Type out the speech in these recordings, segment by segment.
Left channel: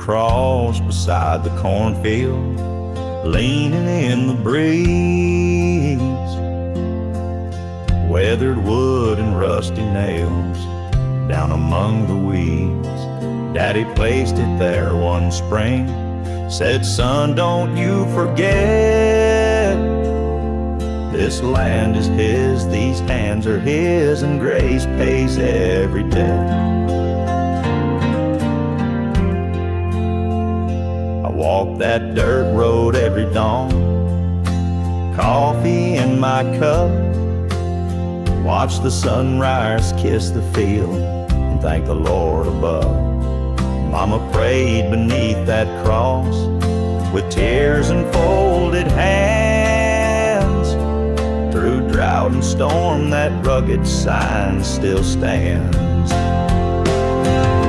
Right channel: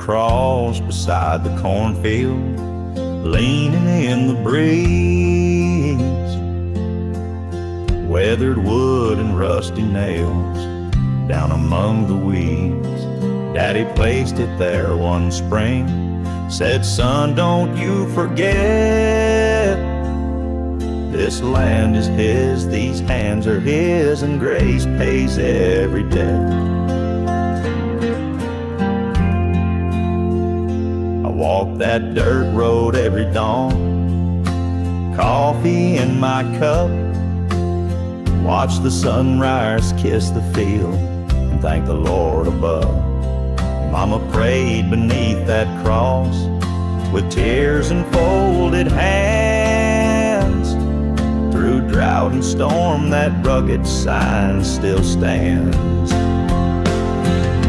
cross beside the cornfield, leaning in the breeze. Weathered wood and rusty nails down among the weeds. Daddy placed it there one spring, said, "Son, don't you forget, this land is his, these hands are his, and grace pays every debt." I walk that dirt road every dawn, coffee in my cup, watch the sunrise kiss the field, and thank the Lord above. Mama prayed beneath that cross with tears and folded hands. Through drought and storm, that rugged sign still stands.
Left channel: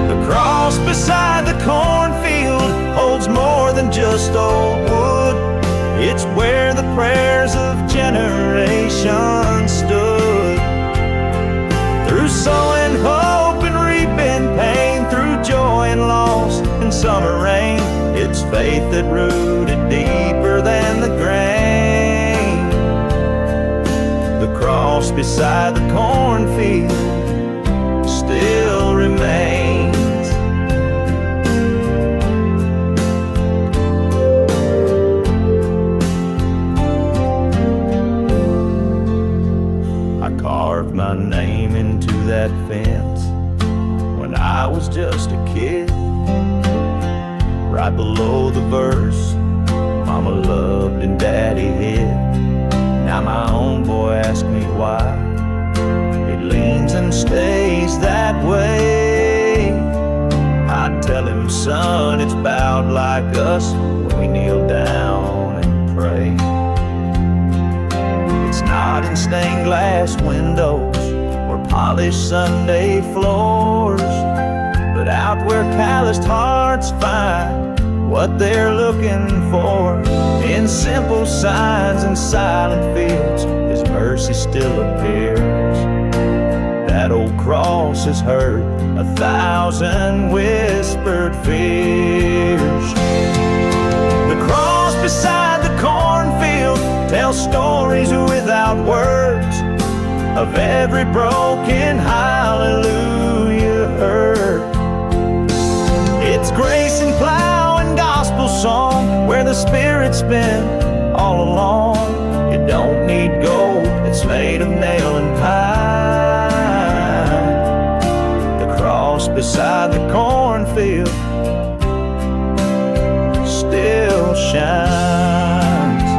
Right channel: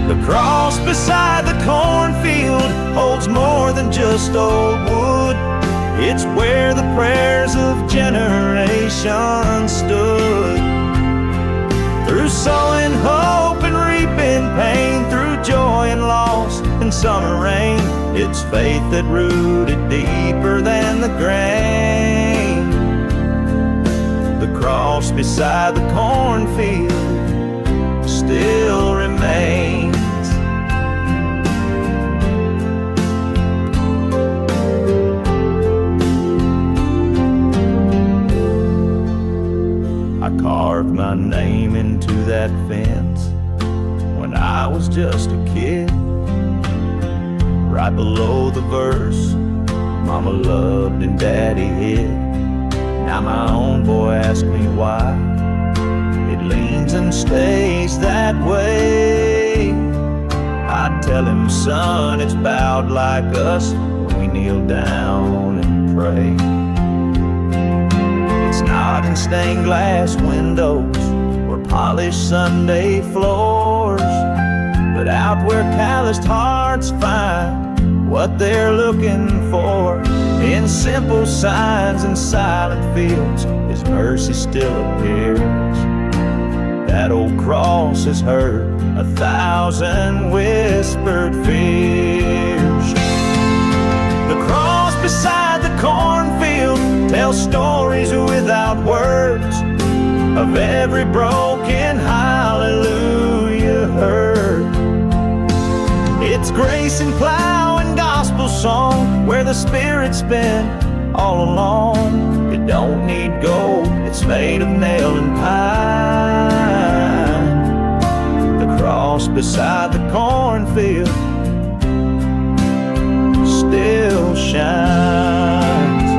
The cross beside the cornfield holds more than just old wood. It's where the prayers of generations stood. Through sowing hope and reaping pain, through joy and loss and summer rain, it's faith that rooted deeper than the grain. The cross beside the cornfield still remains. I carved my name into that fence when I was just a kid. Right below the verse, Mama loved and Daddy hid. Now my own boy asks me why it leans and stays that way. I tell him, son, it's bowed like us when we kneel down and pray. It's not in stained glass windows or polished Sunday floors, but out where calloused hearts find what they're looking for. In simple signs and silent fields, His mercy still appears. That old cross has heard 1,000 whispered fears. The cross beside the cornfield tells stories without words of every broken hallelujah heard. It's grace and plow and gospel song where the Spirit's been all along. It don't need gold, it's made of nail and pine. The cross beside the cornfield still shines.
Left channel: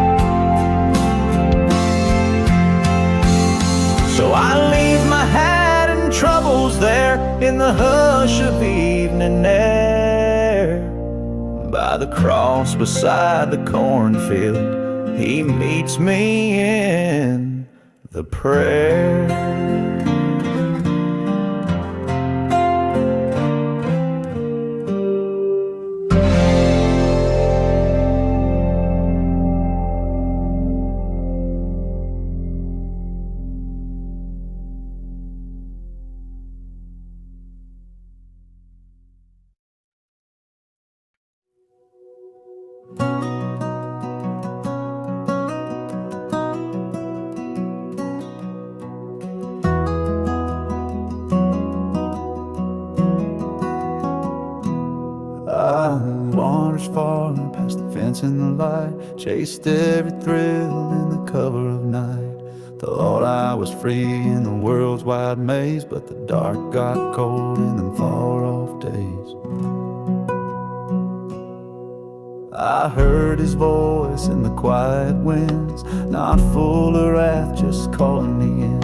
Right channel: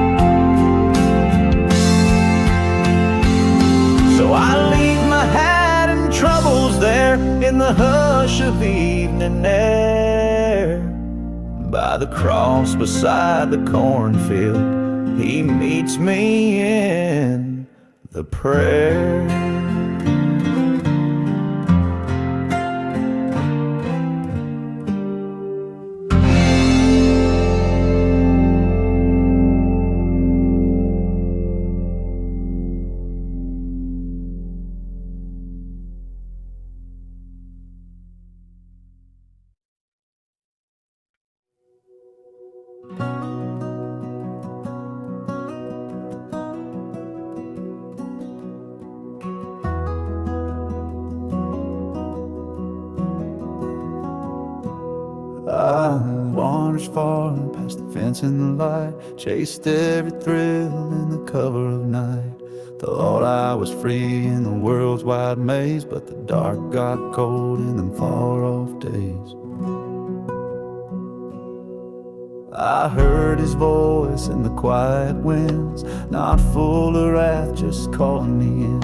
So I leave my hat and troubles there in the hush of evening air. By the cross beside the cornfield, He meets me in the prayer. I wandered far past the fence and the light, chased every thrill in the cover of night. Thought I was free in the world's wide maze, but the dark got cold in them far off days. I heard His voice in the quiet winds, not full of wrath, just calling me in.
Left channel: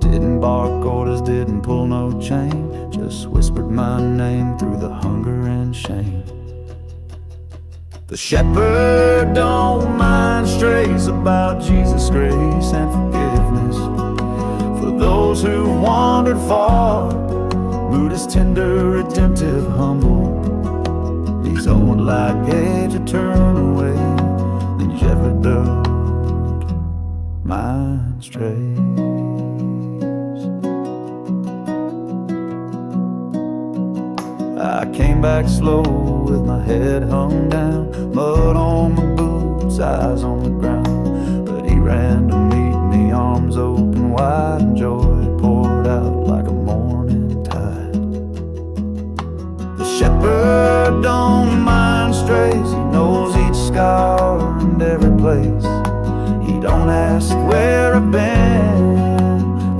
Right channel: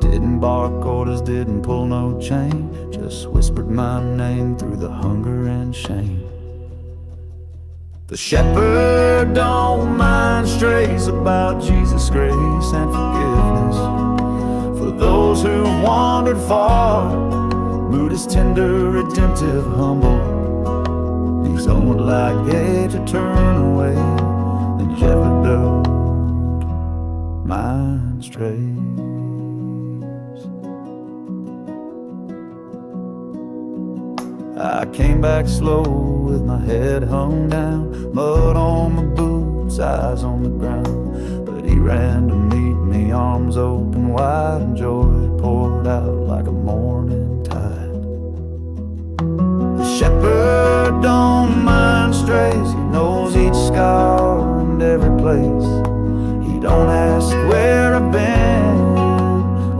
Didn't bark orders, didn't pull no chain, just whispered my name through the hunger and shame. The shepherd don't mind strays about Jesus' grace and forgiveness. For those who wandered far, mood is tender, redemptive, humble. He's only like a to turn away, the shepherd don't mind strays. I came back slow with my head hung down, mud on my boots, eyes on the ground. But he ran to meet me, arms open wide, and joy poured out like a morning tide. The shepherd don't mind strays, he knows each scar and every place. He don't ask where I've been,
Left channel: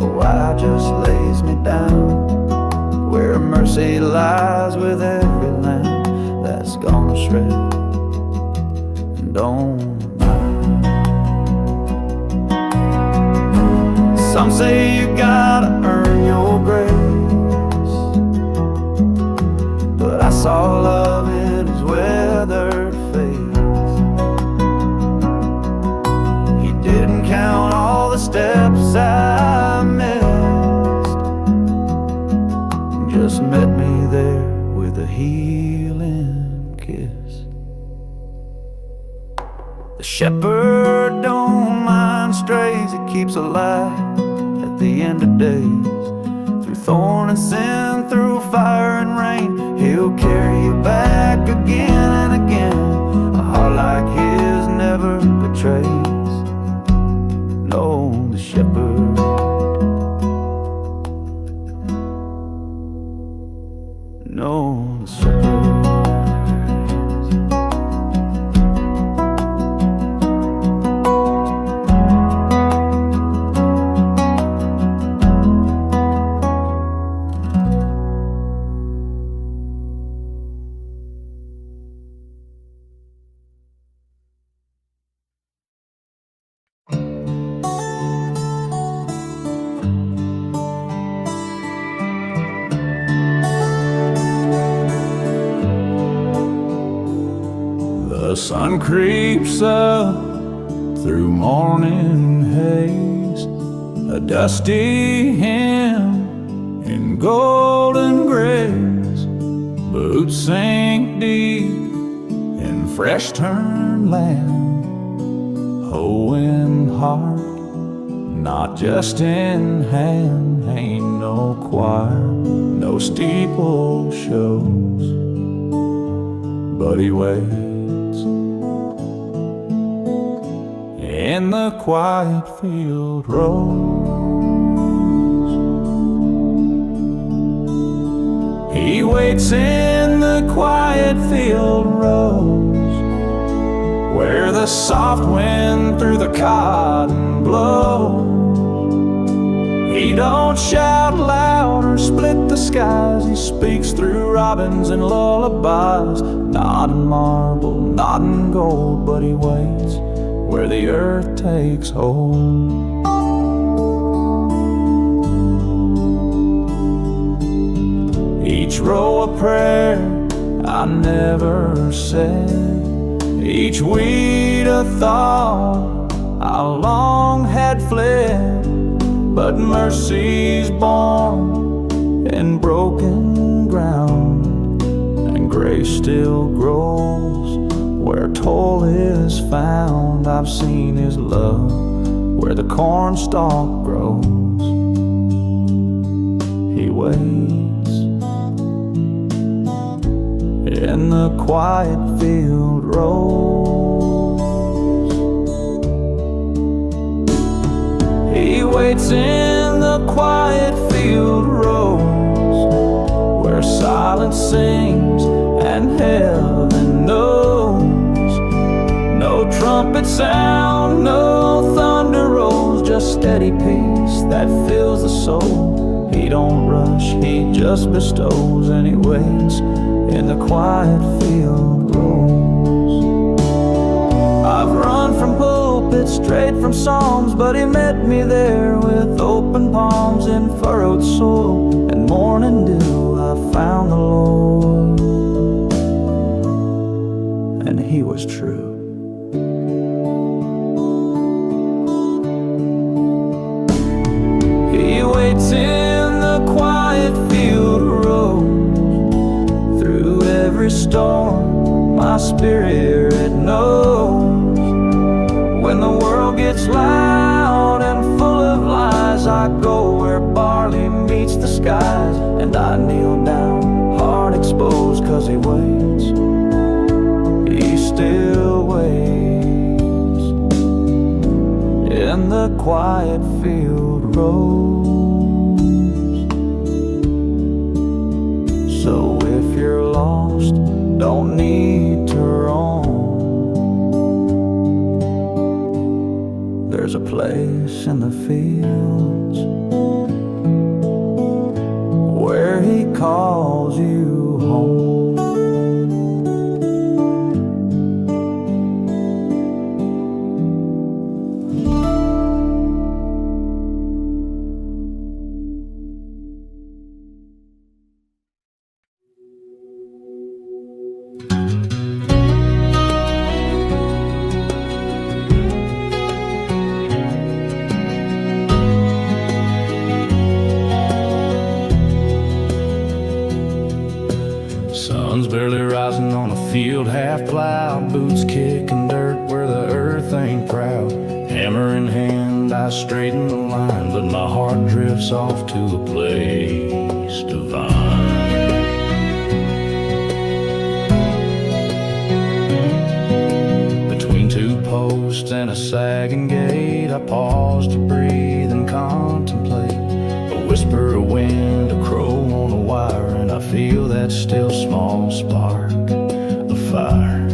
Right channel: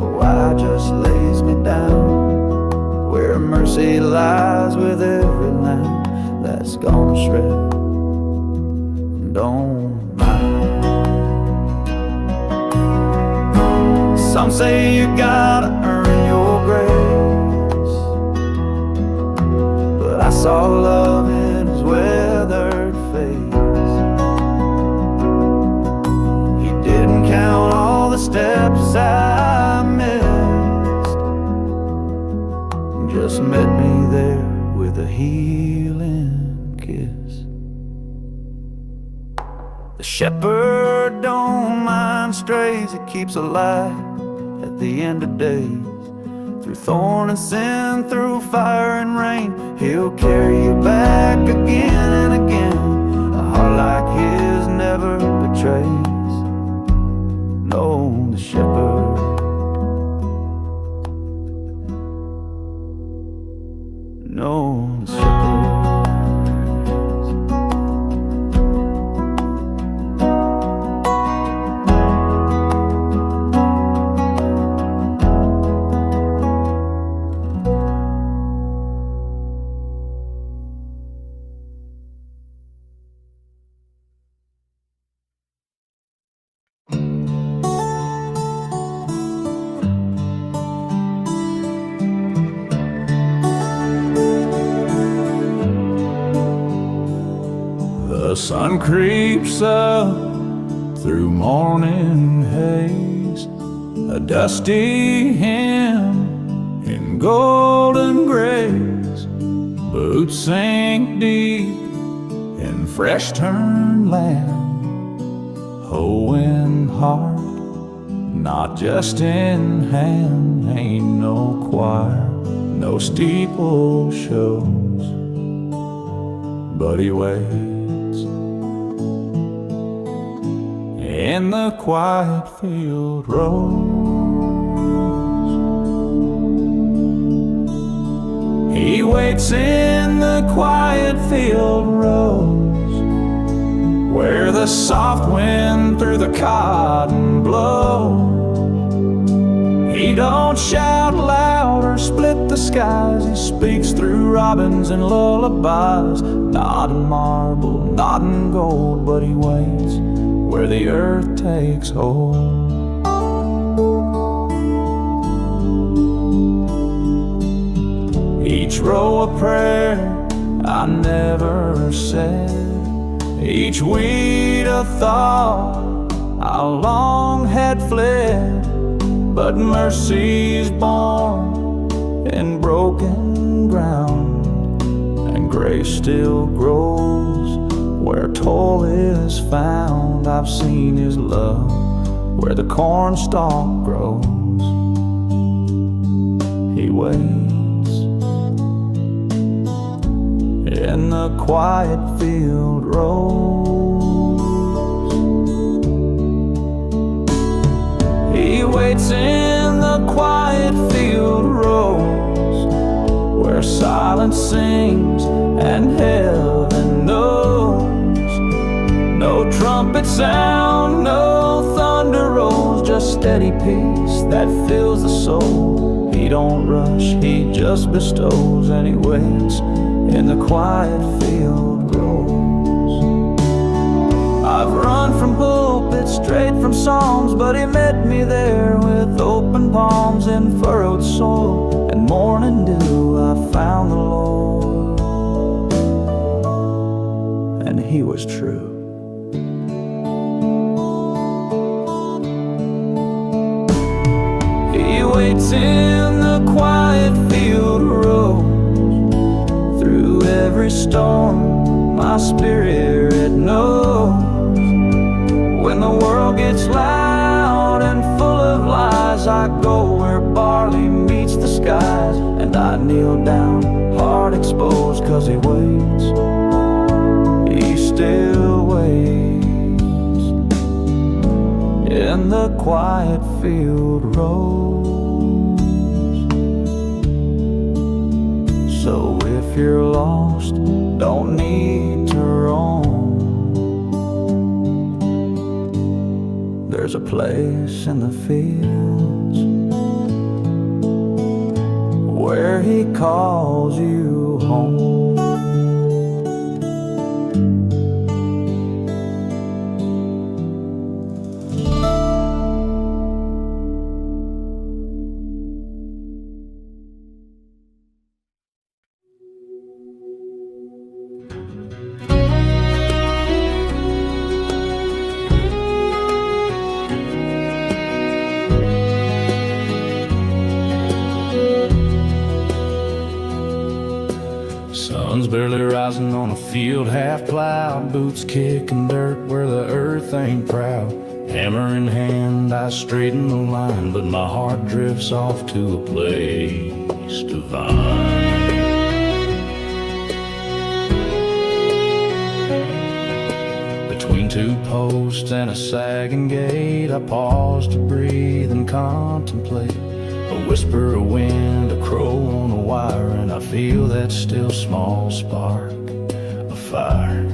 or why, just lays me down where mercy lies with every lamb that's gone astray and don't mind. Some say you gotta earn your grace, but I saw love in his weathered face. He didn't count all the steps I missed, just met me there with a healing kiss. The shepherd don't mind strays, he keeps a light at the end of days. Through thorn and sin, through fire and rain, he'll carry you back again and again. A heart like his never betrays. No, the shepherd, no, the shepherd. The sun creeps up through morning haze, a dusty hymn in golden grays. Boots sink deep in fresh turned land, hoe in heart, not just in hand. Ain't no choir, no steeple shows, but he waits in the quiet field rows. He waits in the quiet field rows, where the soft wind through the cotton blows. He don't shout loud or split the skies, he speaks through robins and lullabies. Not in marble, not in gold, but he waits where the earth takes hold. Each row a prayer I never said, each weed a thought I long had fled. But mercy's born in broken ground, and grace still grows where toil is found. I've seen his love where the cornstalk grows. He waits in the quiet field rows. He waits in the quiet field rows, where silence sings and heaven knows. No trumpet sound, no thunder rolls, just steady peace that fills the soul. He don't rush, he just bestows, and he waits in the quiet field rows. I've run from pulpits, straight from psalms, but he met me there with open palms in furrowed soil. And morning dew, I found the Lord, and he was true. He waits in the quiet field rows, through every storm my spirit knows. When the world gets loud and full of lies, I go where barley meets the skies, and I kneel down, heart exposed, 'cause he waits, he still waits in the quiet field rows. So if you're lost, don't need to roam. There's a place in the fields where he calls you home. Sun's barely rising on a field half plowed, boots kicking dirt where the earth ain't proud. Hammer in hand, I straighten the line, but my heart drifts off to a place divine. Between two posts and a sagging gate, I pause to breathe and contemplate. A whisper of wind, a crow on a wire, and I feel that still small spark of fire.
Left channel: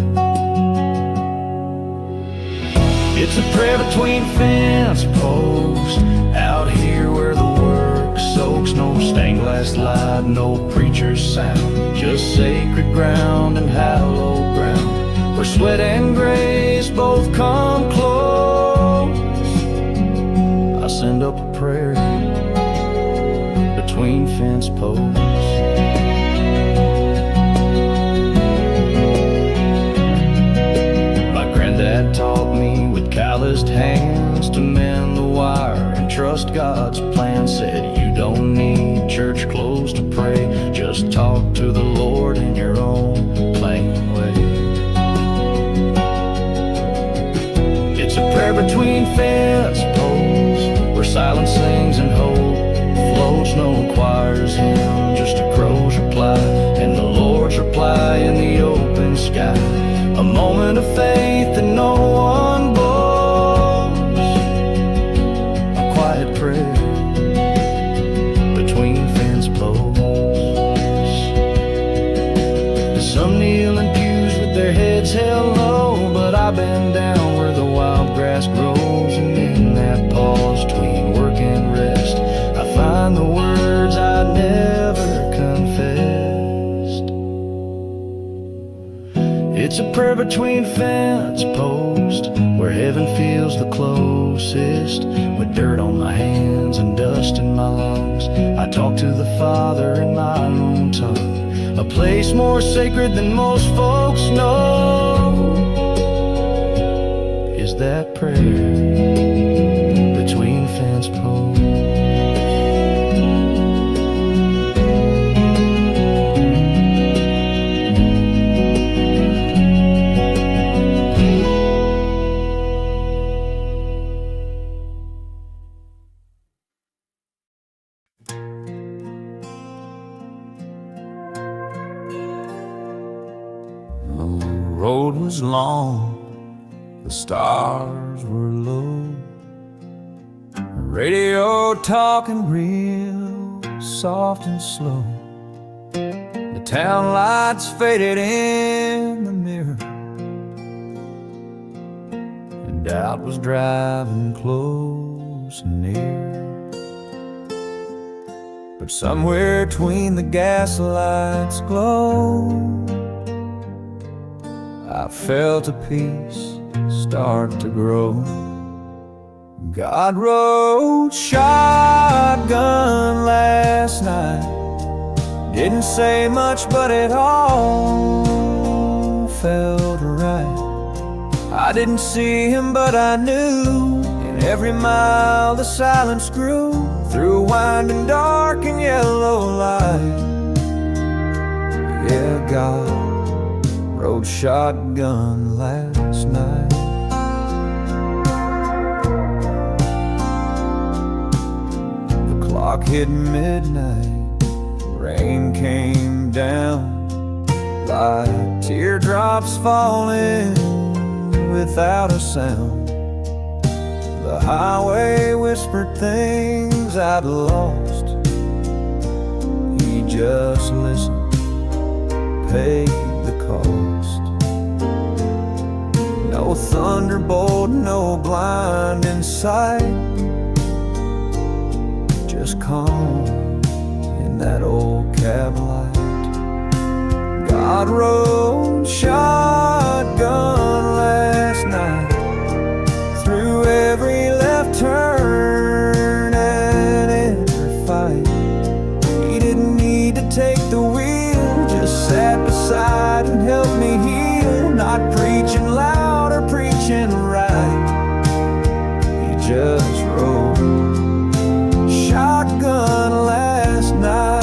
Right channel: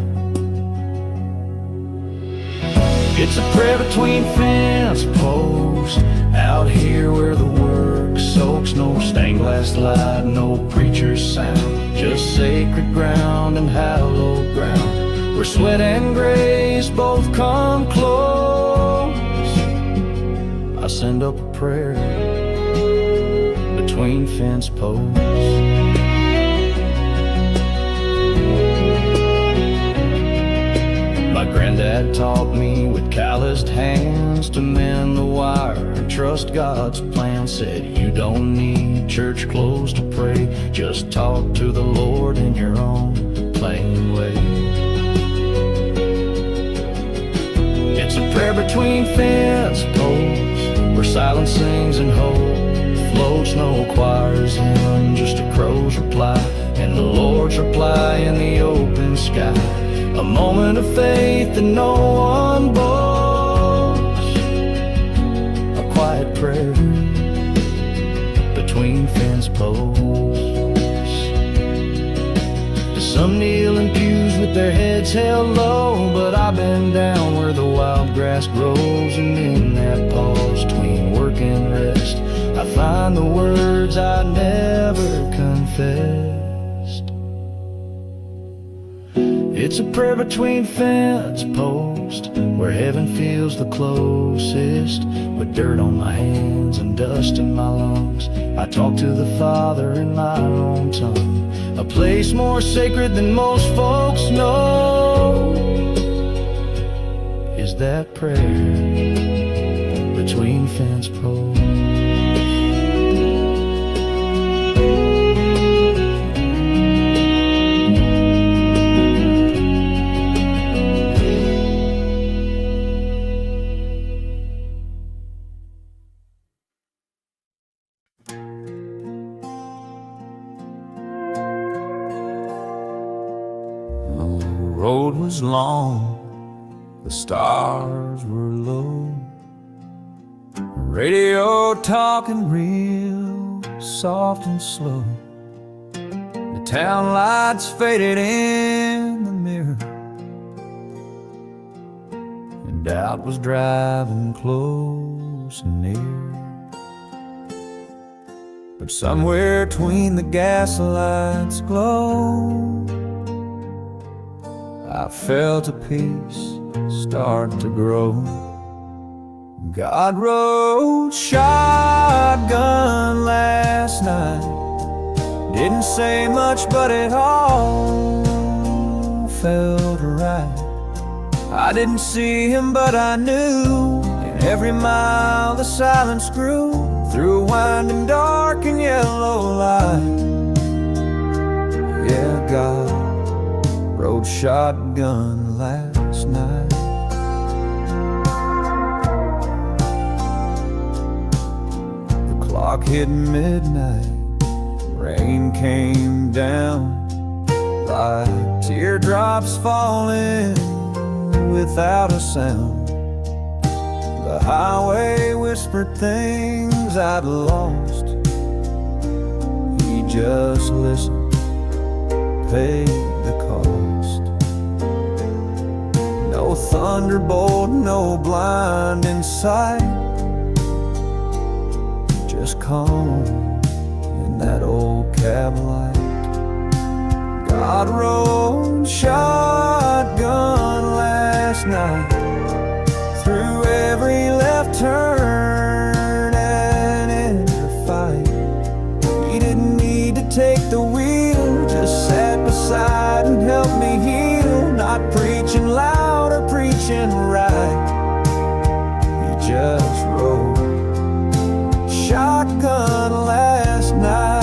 It's a prayer between fence posts, out here where the work soaks. No stained glass light, no preacher's sound, just sacred ground and hallowed ground, where sweat and grace both come close. I send up a prayer between fence posts. My granddad taught me with calloused hands to mend the wire and trust God's plan. Said you don't need church clothes to pray, just talk to the Lord in your own plain way. It's a prayer between fence posts, where silence sings and hope floats. No choir's hymn, just a crow's reply, and the Lord's reply in the open sky. A moment of faith that no one boasts, a quiet prayer between fence posts. Some kneel in pews with their heads held low, but I bend down where the wild grass grows, and in that pause between work and rest, I find the words I never confessed. It's a prayer between fence posts, where heaven feels the closest. With dirt on my hands and dust in my lungs, I talk to the Father in my own tongue, a place more sacred than most folks know is that prayer between fence posts. The road was long, the stars were low, radio talking real soft and slow. The town lights faded in the mirror, and doubt was driving close and near. But somewhere between the gaslight's glow, I felt a peace start to grow. God rode shotgun last night, didn't say much, but it all felt right. I didn't see him, but I knew, in every mile the silence grew, through winding dark and yellow light. Yeah, God rode shotgun last night. clock hit midnight, rain came down like teardrops falling without a sound. The highway whispered things I'd lost. He just listened, paid the cost. No thunderbolt, no blinding sight, just calm in that old cab light. God rode shotgun last night through every left turn and inner fight. He didn't need to take the wheel, just sat beside and helped me heal. Not preaching loud or preaching right, he just rode shotgun last night.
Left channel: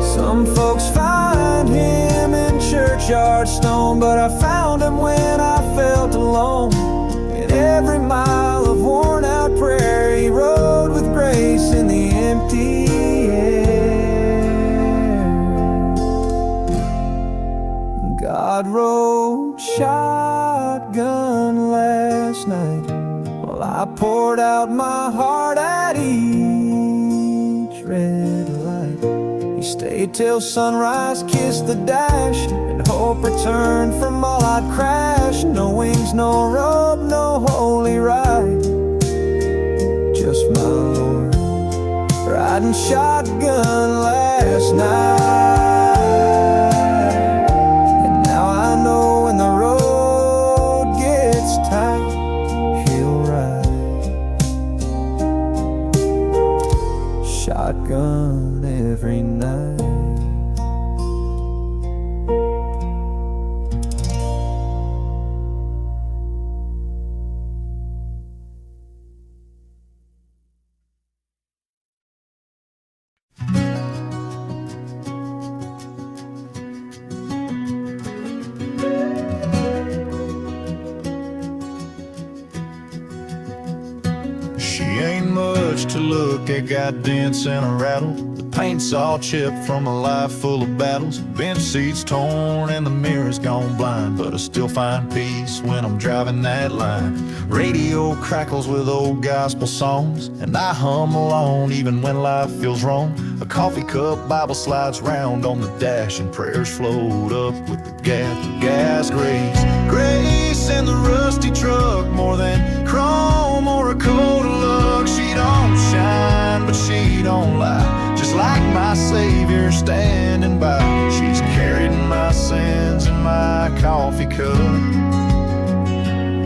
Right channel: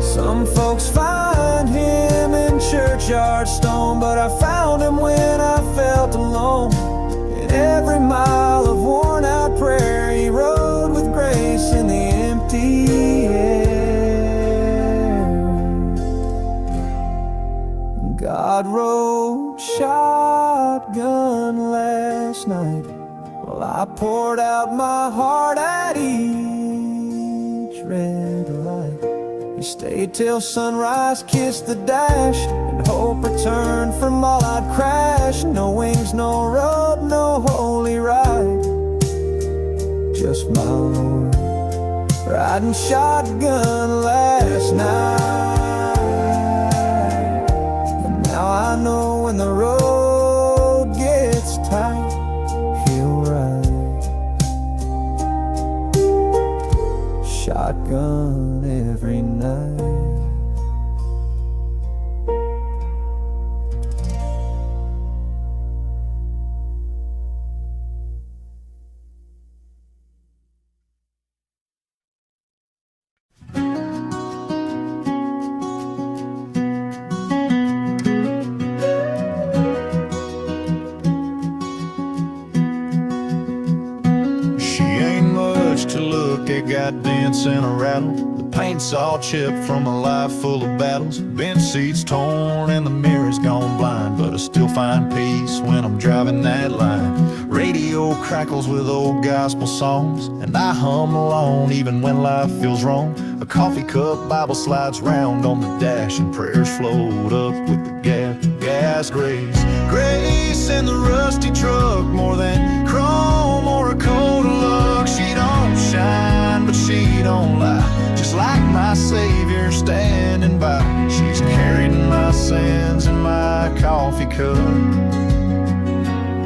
Some folks find him in churchyard stone, but I found him when I felt alone. In every mile of worn out prayer, he rode with grace in the empty air. God rode shotgun last night while I poured out my heart at each red light. He stayed till sunrise, kissed the dash, and hope returned from all I'd crashed. No wings, no robe, no holy ride, just my Lord riding shotgun last night. And now I know when the road gets tight, he'll ride shotgun every night. She ain't much to look at, got dents and a rattle. The paint's all chipped from a life full of battles. Bench seats torn and the mirror's gone blind, but I still find peace when I'm driving that line. Radio crackles with old gospel songs, and I hum along even when life feels wrong. A coffee cup Bible slides round on the dash, and prayers float up with the gas. Grace in the rusty truck, more than chrome or a coat of luck. She don't shine, but she don't lie, just like my Savior standing by. She's carried my sins in my coffee cup.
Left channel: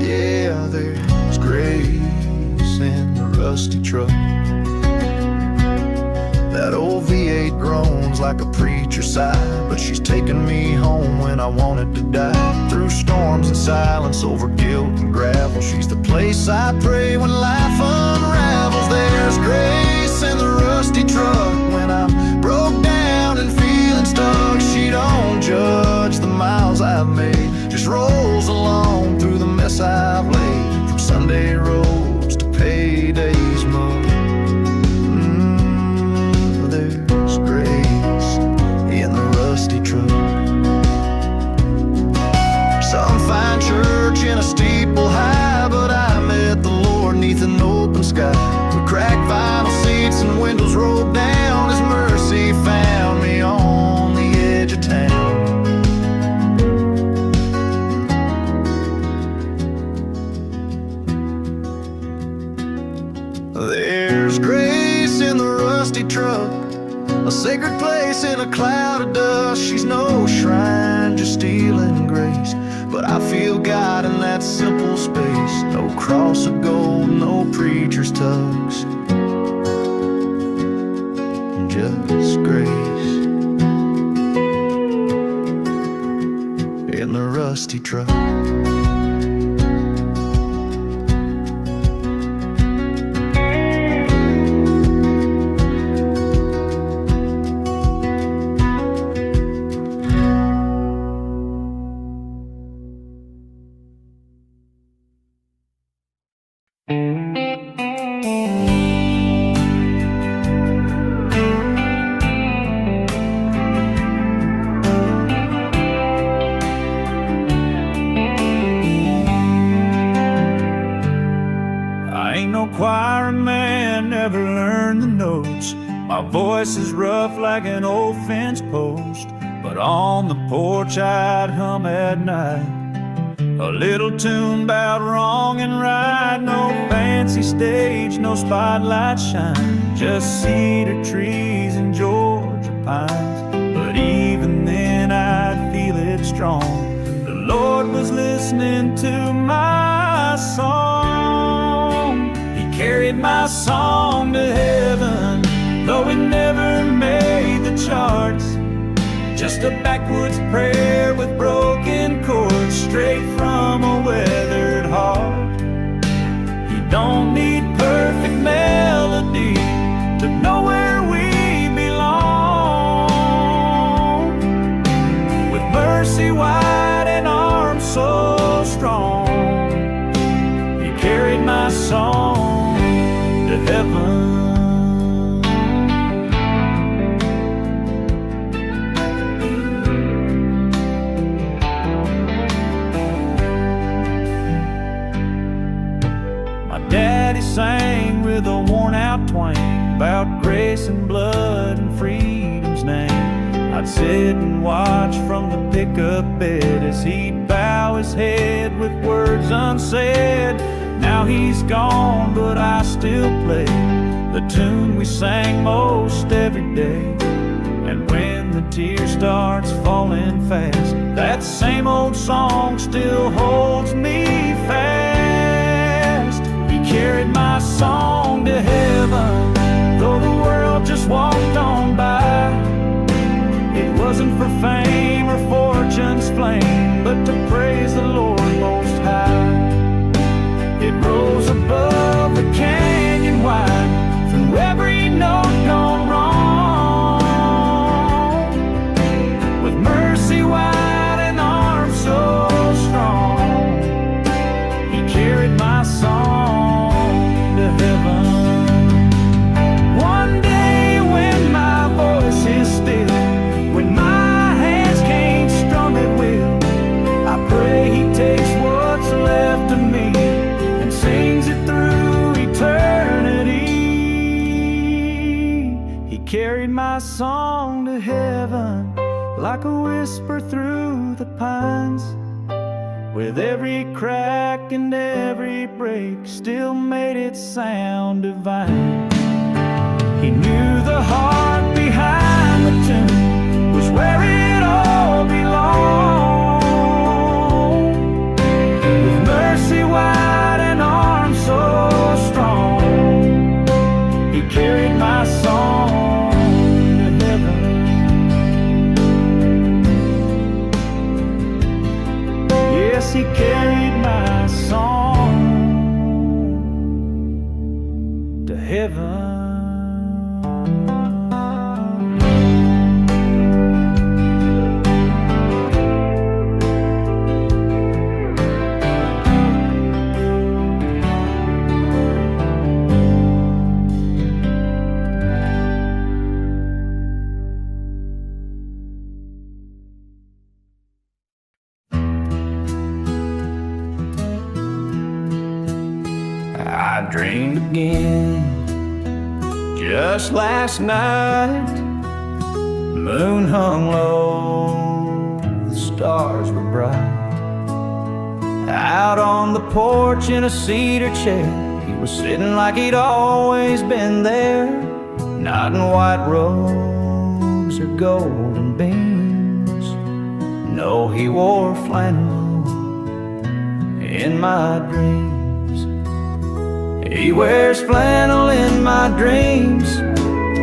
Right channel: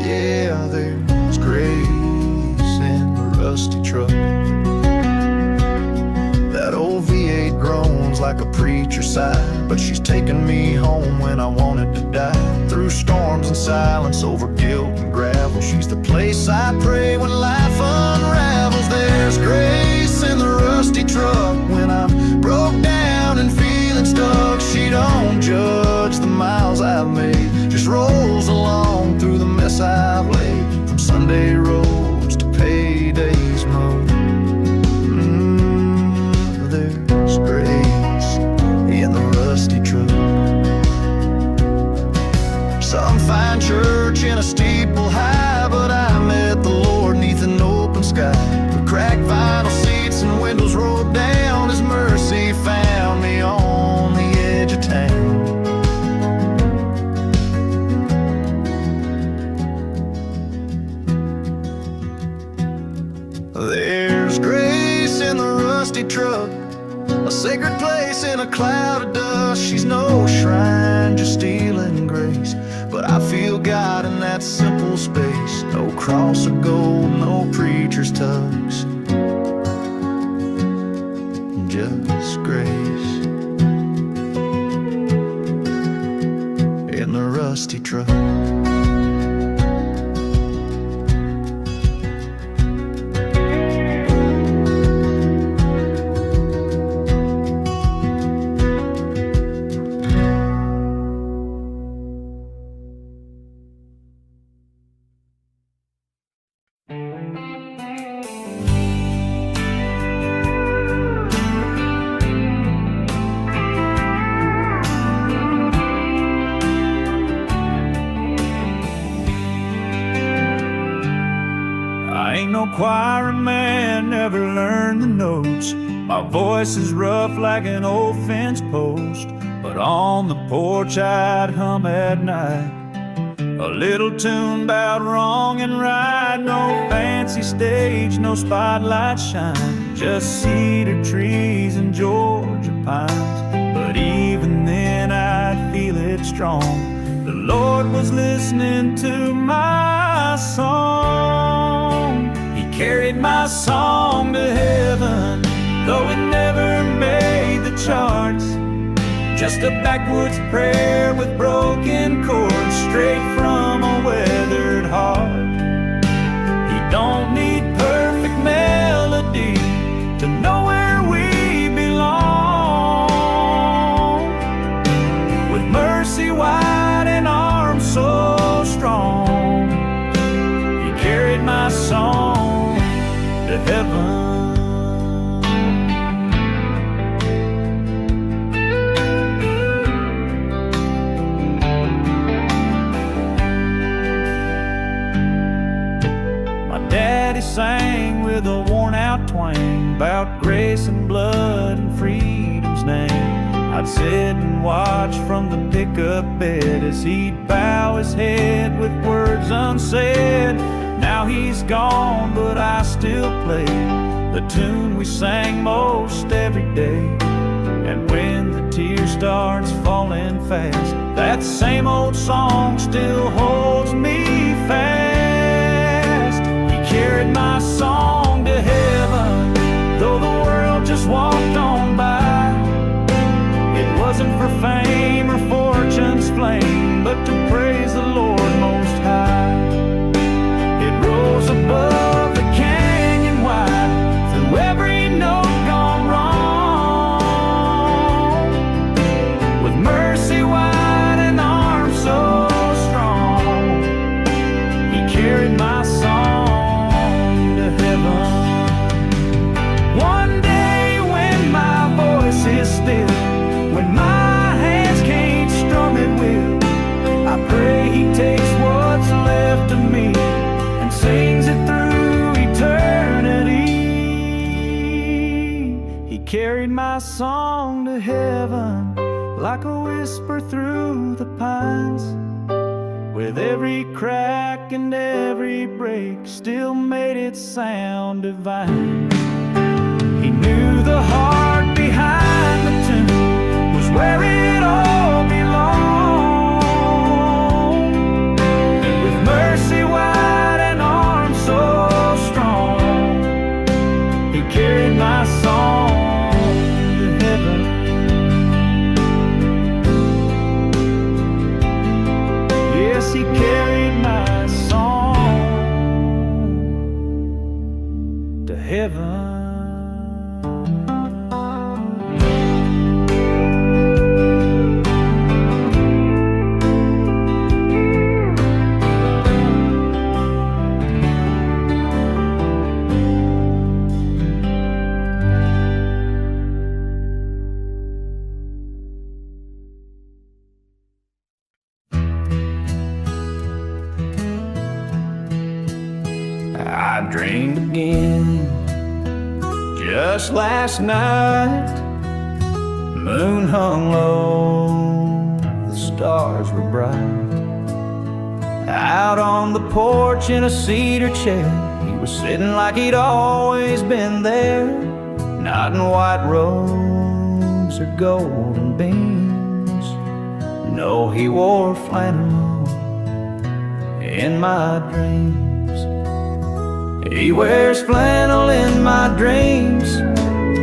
Yeah, there's grace in the rusty truck. That old V8 groans like a preacher's sigh, but she's taken me home when I wanted to die. Through storms and silence, over guilt and gravel, she's the place I pray when life unravels. There's grace in the rusty truck when I'm broke down and feeling stuck. She don't judge the miles I've made, just rolls along through the mess I've laid. From Sunday roads to payday's mowed, there's grace in the rusty truck. Some find church in a steeple high, but I met the Lord neath an open sky. With cracked vinyl seats and windows rolled down, His mercy found me on the edge of town. There's grace in the rusty truck, a sacred place in a cloud of dust. She's no shrine, just stealing grace, but I feel God in that simple space. No cross of gold, no preacher's tugs, just grace in the rusty truck. ain't no choir man, never learned the notes. My voice is rough like an old fence post, but on the porch I'd hum at night a little tune about wrong and right. No fancy stage, no spotlight shine, just cedar trees and Georgia pines. But even then I'd feel it strong. The Lord was listening to my song. He carried my song to heaven, though it never made the charts. Just a backwoods prayer with broken chords, straight from a weathered heart. He don't need perfect melody to know where we belong. With mercy wide and arms so strong, He carried my song to heaven. Daddy sang with a worn-out twang about grace and blood and freedom's name. I'd sit and watch from the pickup bed as he'd bow his head with words unsaid. Now he's gone, but I still play the tune we sang most every day. And when the tear starts falling fast, that same old song still holds me fast. He carried my song to heaven, though the world just walked on by. It wasn't for fame or fortune's flame, but to praise the Lord Most High. It rose above the canyon wide, through every note gone wrong. With mercy wide and arms so strong, He carried my song to heaven. One day when my voice is still, when my hands can't strum at will, I pray He takes what's left of me and sings it through eternity. He carried my song to heaven like a whisper through the pines. With every crack and every break, still made it sound divine. He knew the heart behind the tune was where it all belonged. With mercy wide and arms so strong, He carried my song to heaven. Yes, He carried my song to heaven. I dreamed again just last night. Moon hung low, the stars were bright. Out on the porch in a cedar chair, he was sitting like he'd always been there. Not in white robes or golden beams, no, he wore flannel in my dreams. He wears flannel in my dreams,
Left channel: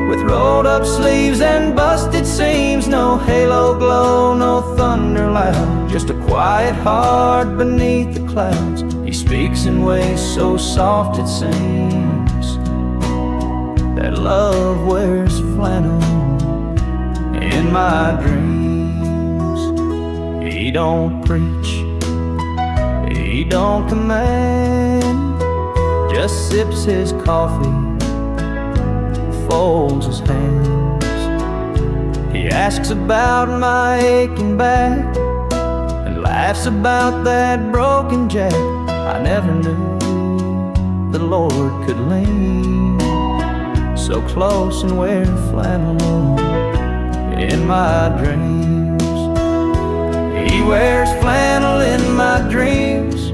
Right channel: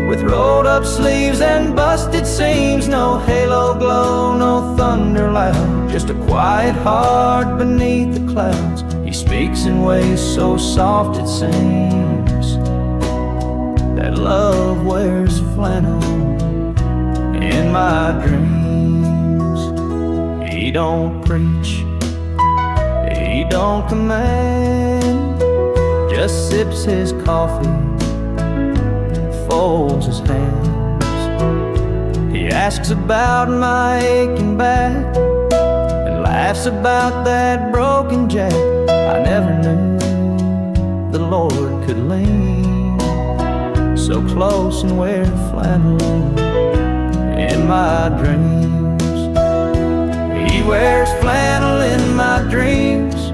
with rolled up sleeves and busted seams. No halo glow, no thunder loud, just a quiet heart beneath the clouds. He speaks in ways so soft it seems that love wears flannel in my dreams. He don't preach, he don't command, just sips his coffee, folds his hands. He asks about my aching back and laughs about that broken jack I never knew. the Lord could lean so close and wear flannel in my dreams. He wears flannel in my dreams,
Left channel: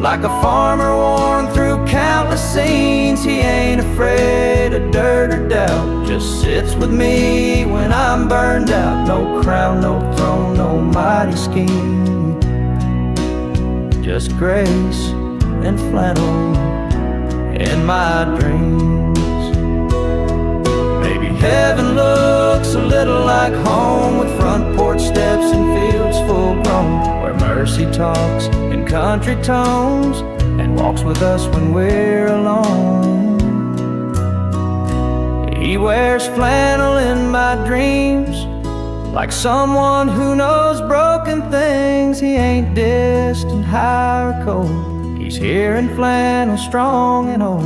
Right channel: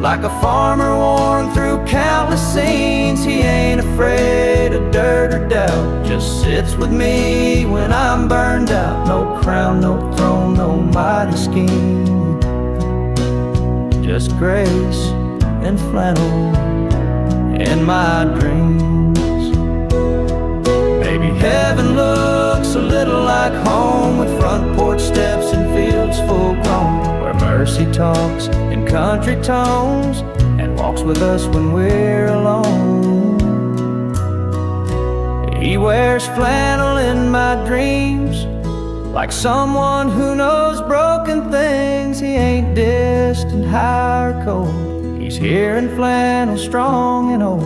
like a farmer worn through countless scenes. He ain't afraid of dirt or doubt, just sits with me when I'm burned out. No crown, no throne, no mighty scheme, just grace and flannel in my dreams. Maybe heaven looks a little like home, with front porch steps and fields full grown, where mercy talks in country tones and walks with us when we're alone. He wears flannel in my dreams, like someone who knows broken things. He ain't distant, high or cold, he's here in flannel, strong and old.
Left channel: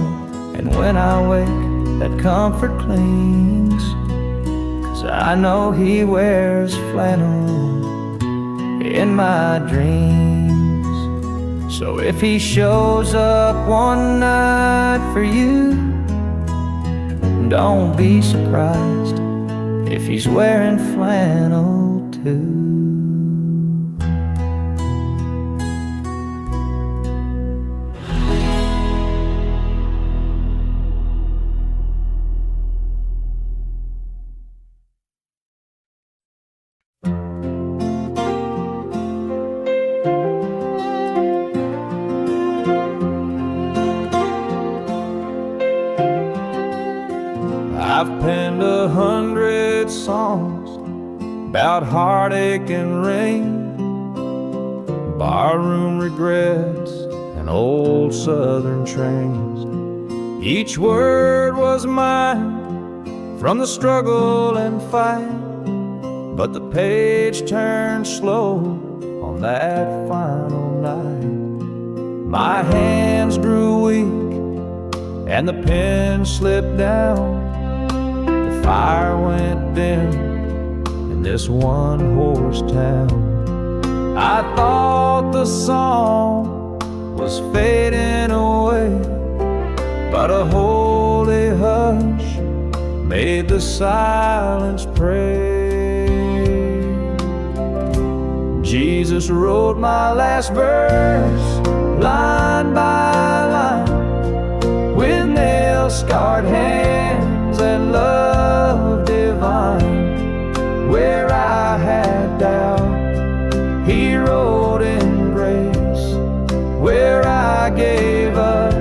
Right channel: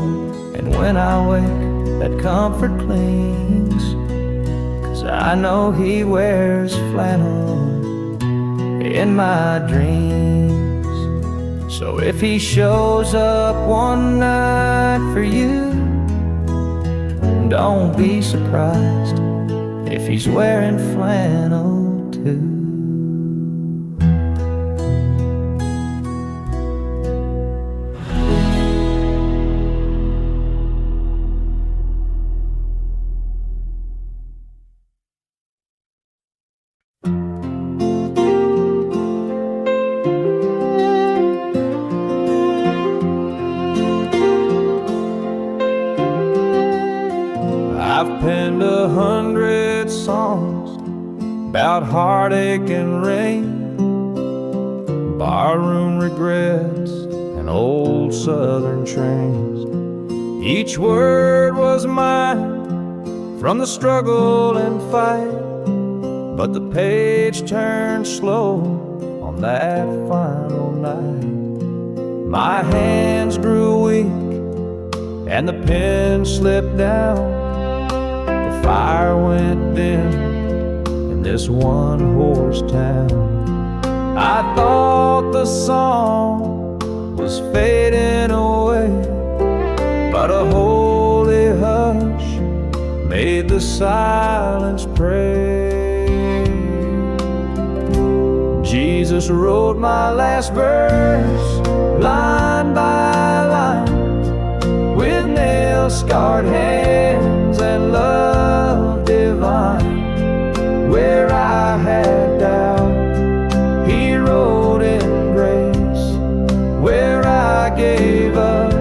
And when I wake, that comfort clings, 'cause I know he wears flannel in my dreams. So if he shows up one night for you, don't be surprised if he's wearing flannel too. I've penned 100 songs about heartache and rain, barroom regrets and old southern trains. Each word was mine from the struggle and fight, but the page turned slow on that final night. My hands grew weak and the pen slipped down. Fire went dim in this one-horse town. I thought the song was fading away, but a holy hush made the silence pray. Jesus wrote my last verse, line by line, with nail-scarred hands and love divine. Where I had doubt, he wrote in grace. Where I gave up,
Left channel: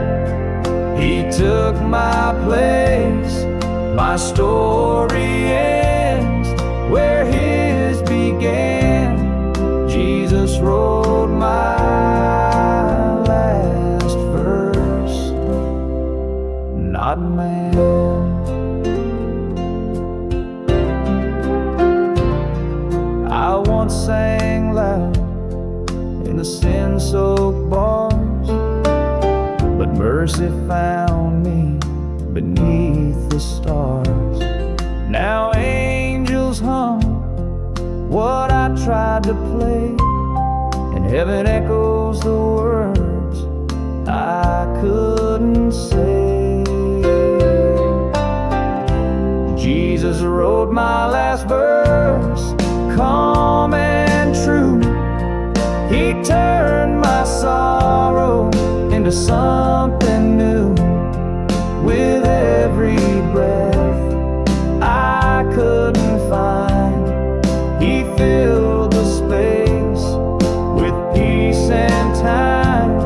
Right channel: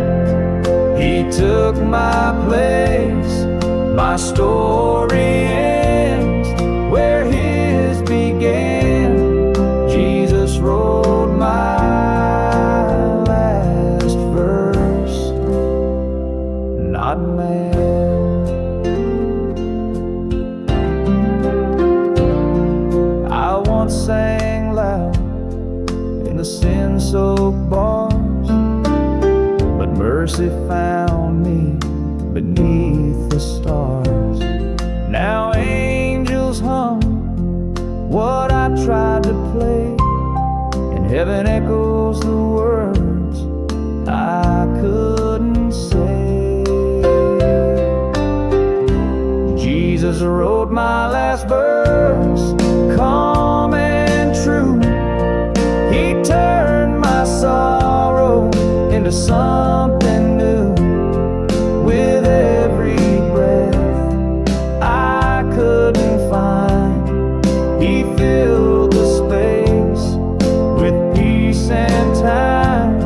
he took my place. My story ends where his began. Jesus wrote my last verse, not man. I once sang loud in the sin-soaked bars, but mercy found me beneath the stars. Now angels hum what I tried to play, and heaven echoes the words I couldn't say. Jesus wrote my last verse, calm and true. He turned my sorrow into something new. With every breath I couldn't find, he filled the space with peace and time.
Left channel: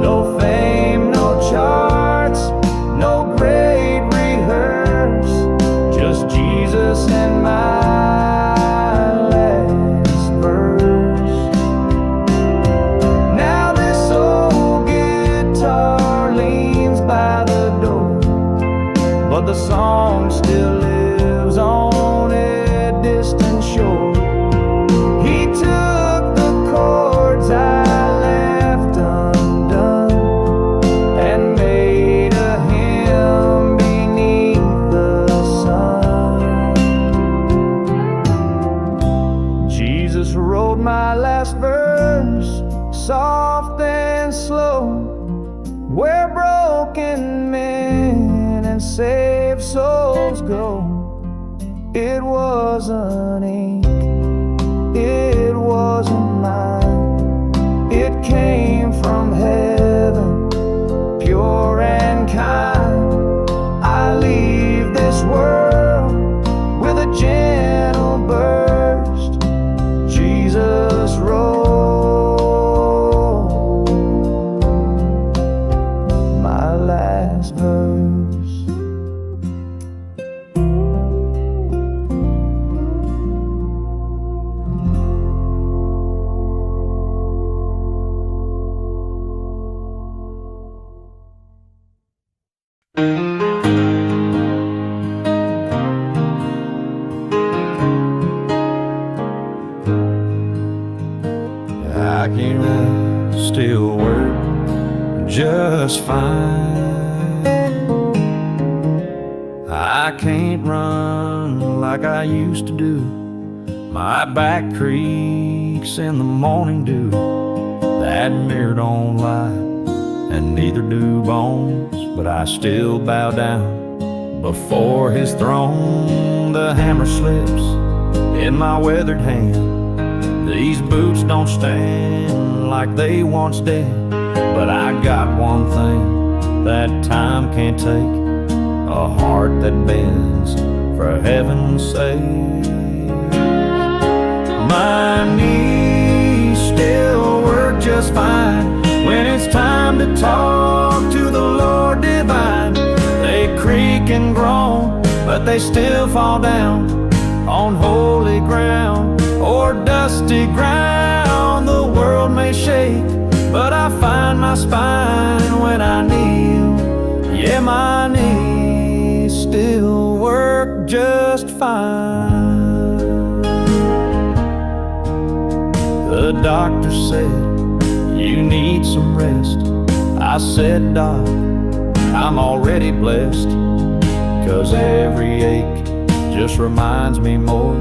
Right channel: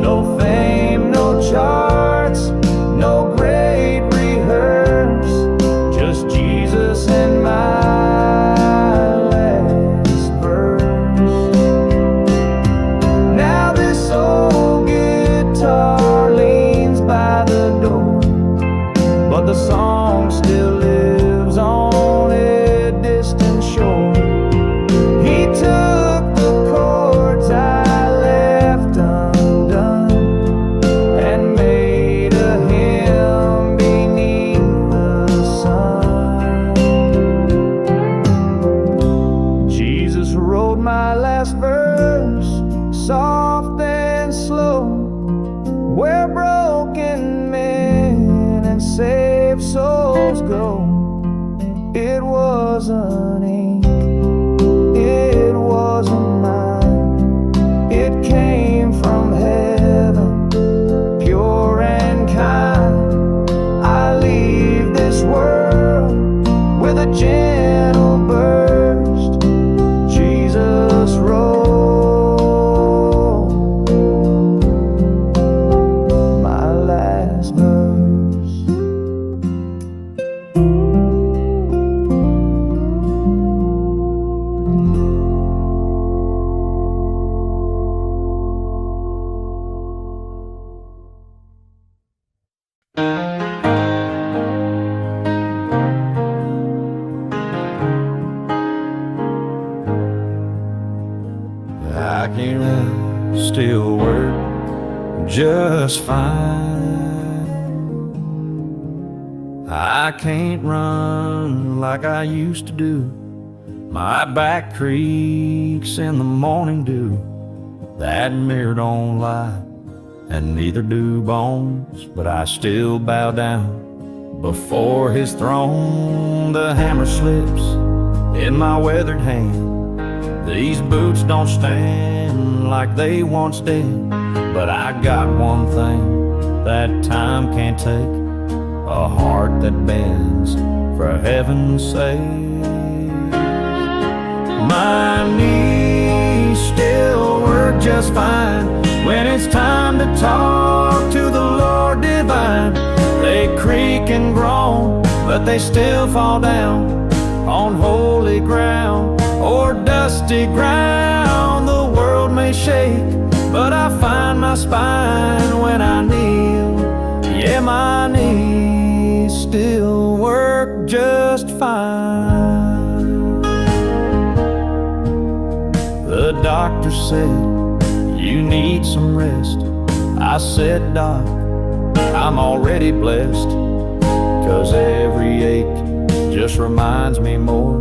No fame, no charts, no great rehearse, just Jesus and my last verse. Now this old guitar leans by the door, but the song still lives on a distant shore. He took the chords I left undone and made a hymn beneath the sun. Jesus wrote my last verse, soft and slow, where broken and save souls go. It wasn't ink, it wasn't mine. It came from heaven, pure and kind. I leave this world with a gentle burst. Jesus wrote my last verse. I can still work just fine. I can't run like I used to do. My back creaks in the morning dew. That mirror don't lie, and neither do bones. But I still bow down before his throne. The hammer slips in my weathered hand. These boots don't stand like they once did. But I got one thing that time can't take: a heart that bends for heaven's sake. My knees still work just fine when it's time to talk to the Lord divine. They creak and groan, but they still fall down on holy ground or dusty ground. The world may shake, but I find my spine when I kneel. Yeah, my knees still work just fine. The doctor said, you need some rest. I said, Doc, I'm already blessed, 'cause every ache just reminds me more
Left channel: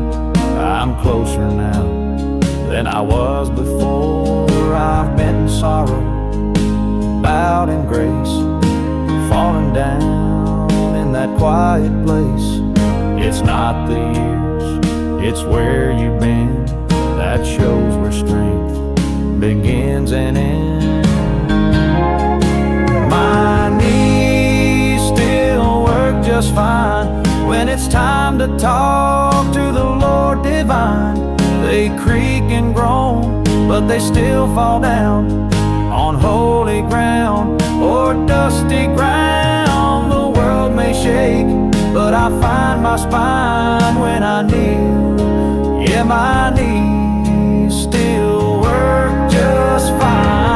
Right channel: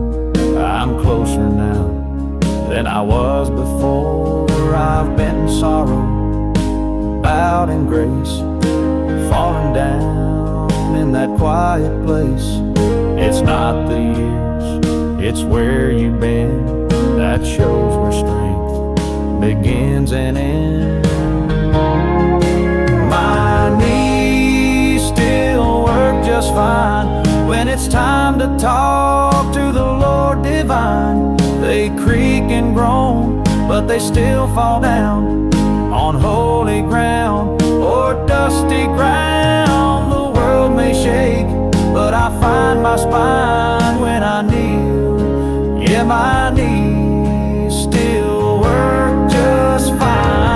I'm closer now than I was before. I've been in sorrow, bowed in grace, falling down in that quiet place. It's not the years, it's where you've been that shows where strength begins and ends. My knees still work just fine when it's time to talk to the Lord divine. They creak and groan, but they still fall down on holy ground or dusty ground. The world may shake, but I find my spine when I kneel. Yeah, my knees still work just fine.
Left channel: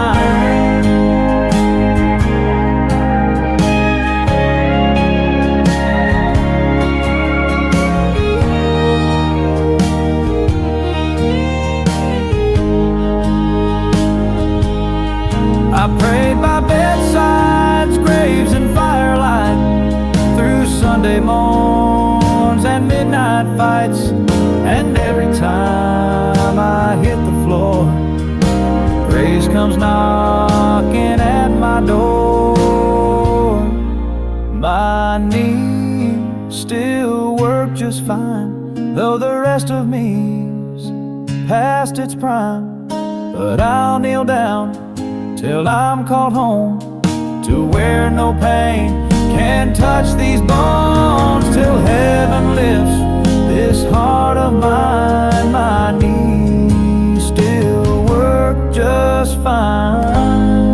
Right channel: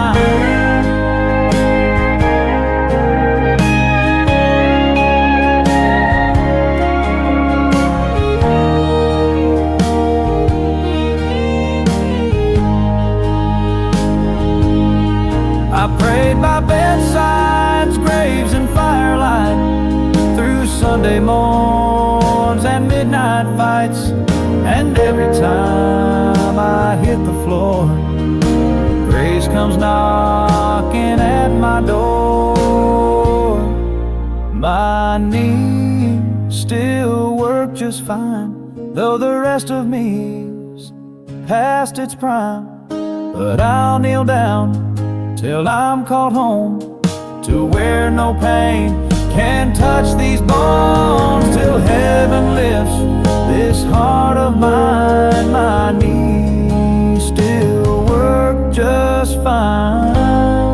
I prayed by bedsides, graves, and firelight, through Sunday morns and midnight fights. And every time I hit the floor, grace comes knocking at my door. My knees still work just fine, though the rest of me's past its prime. But I'll kneel down till I'm called home, to where no pain can touch these bones. Till heaven lifts this heart of mine, my knees still work just fine.